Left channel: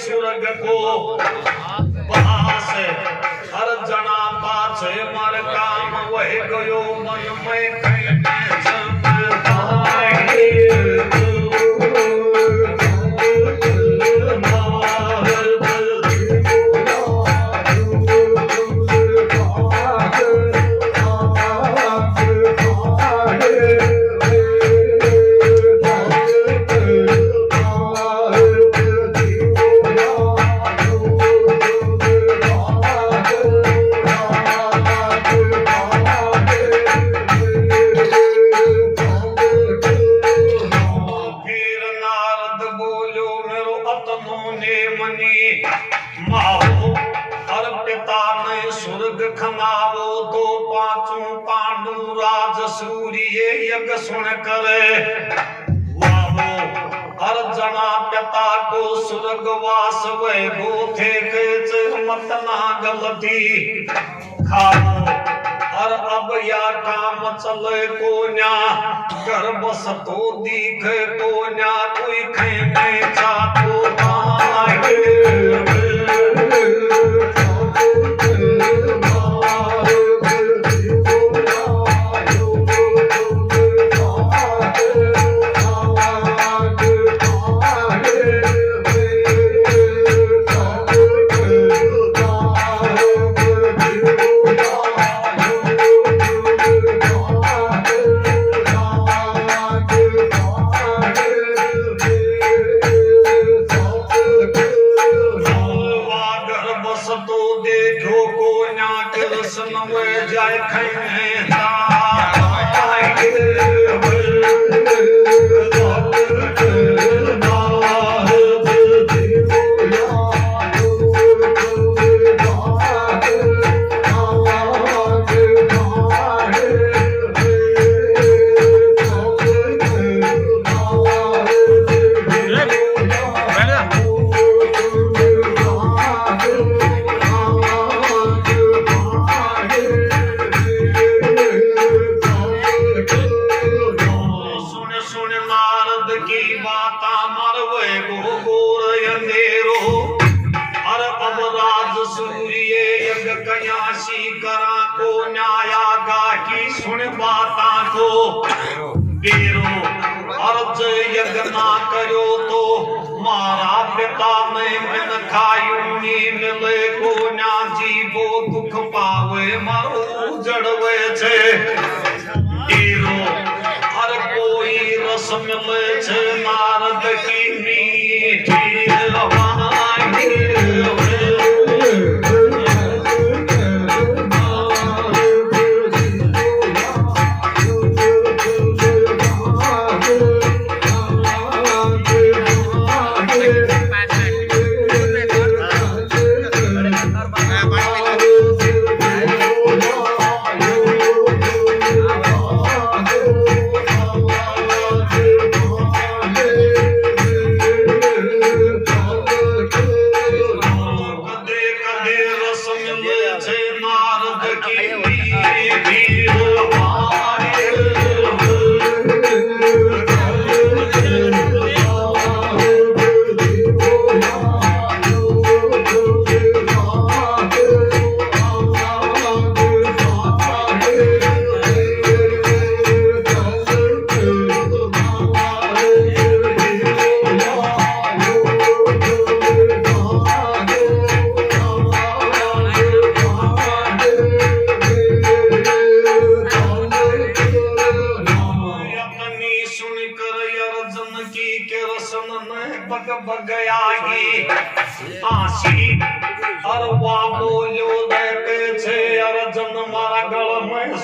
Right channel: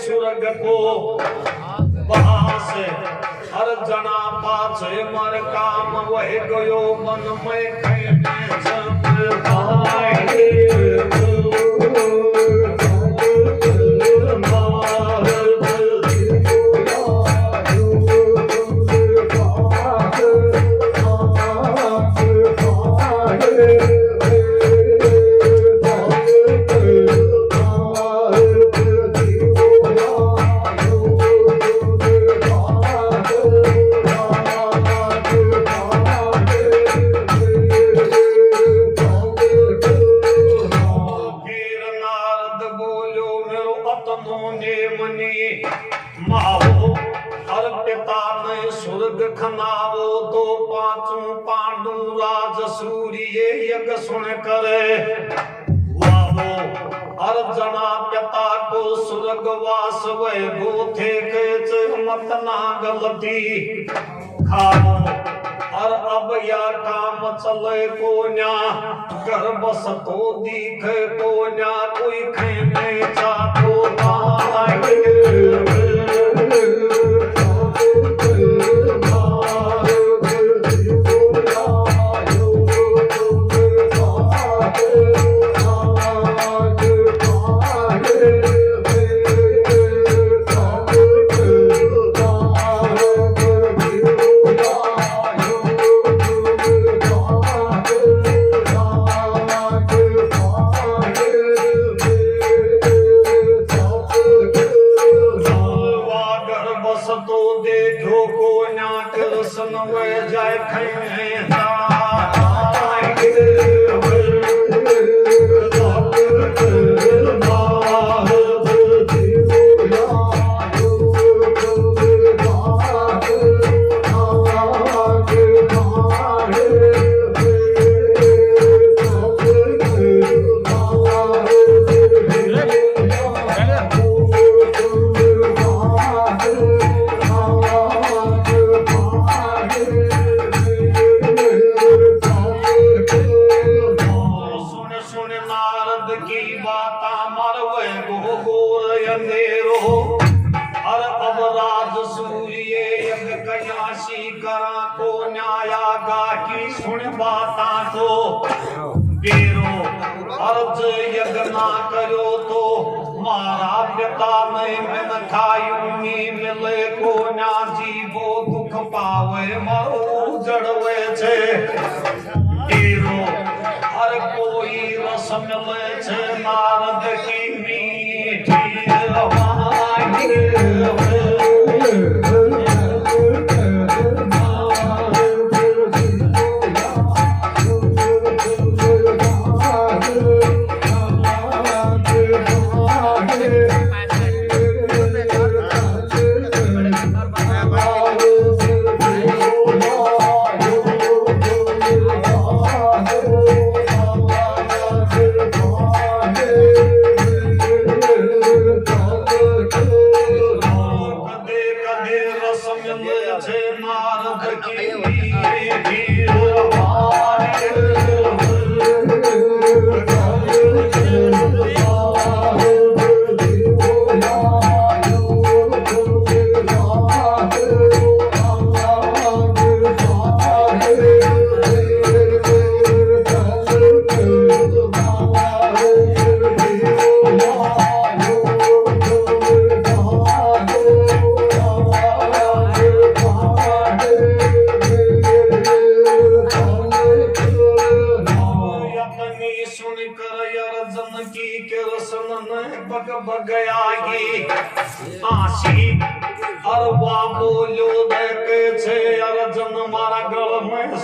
सुरग को बहास हर जना पाछ मर काम वह गयो मन में सुन करे वावो हर जना पिता को स्वर्गवास वे गोथे के मत ना गलती खाओ हर अब या काम चले को न्या घर बस तो दिखे को न्या कोई खेने चाहतो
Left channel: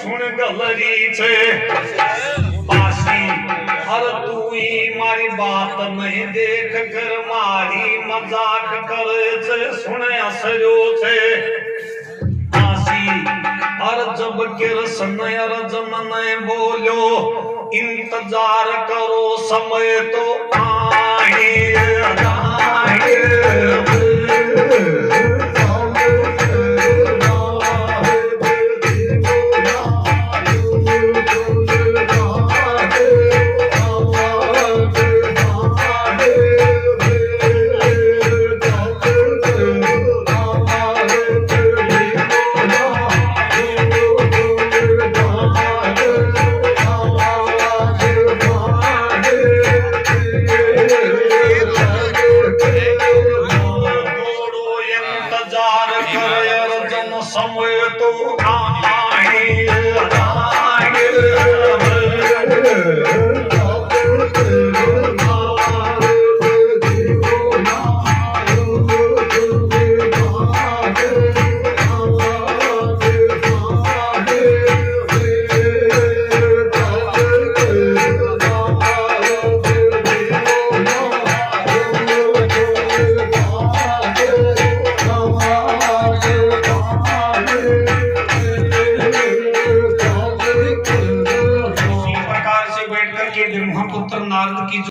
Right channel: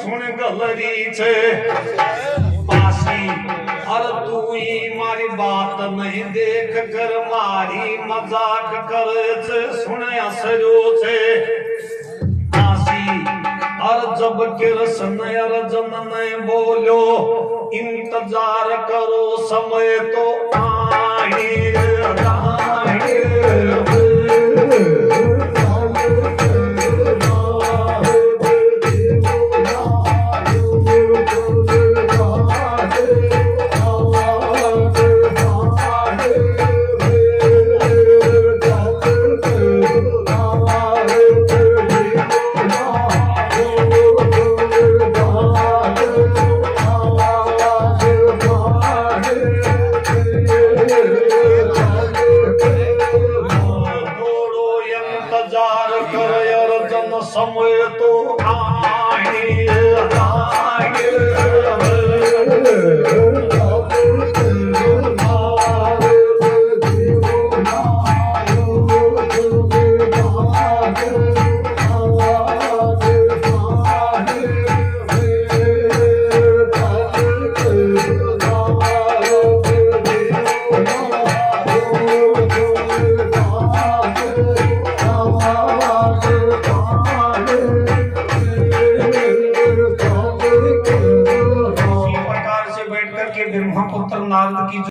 સુણ ગલરી છે પાસી હર તુઈ મારી બાત નહીં દેખ કર મારી મજાક કરે છે સુણે અસર્યો છે પાસી હર જબ કિરસન અરજમ ને બોલ્યો इंतजार करो समय तो आए इंतजार कर अर्जन समय तो आए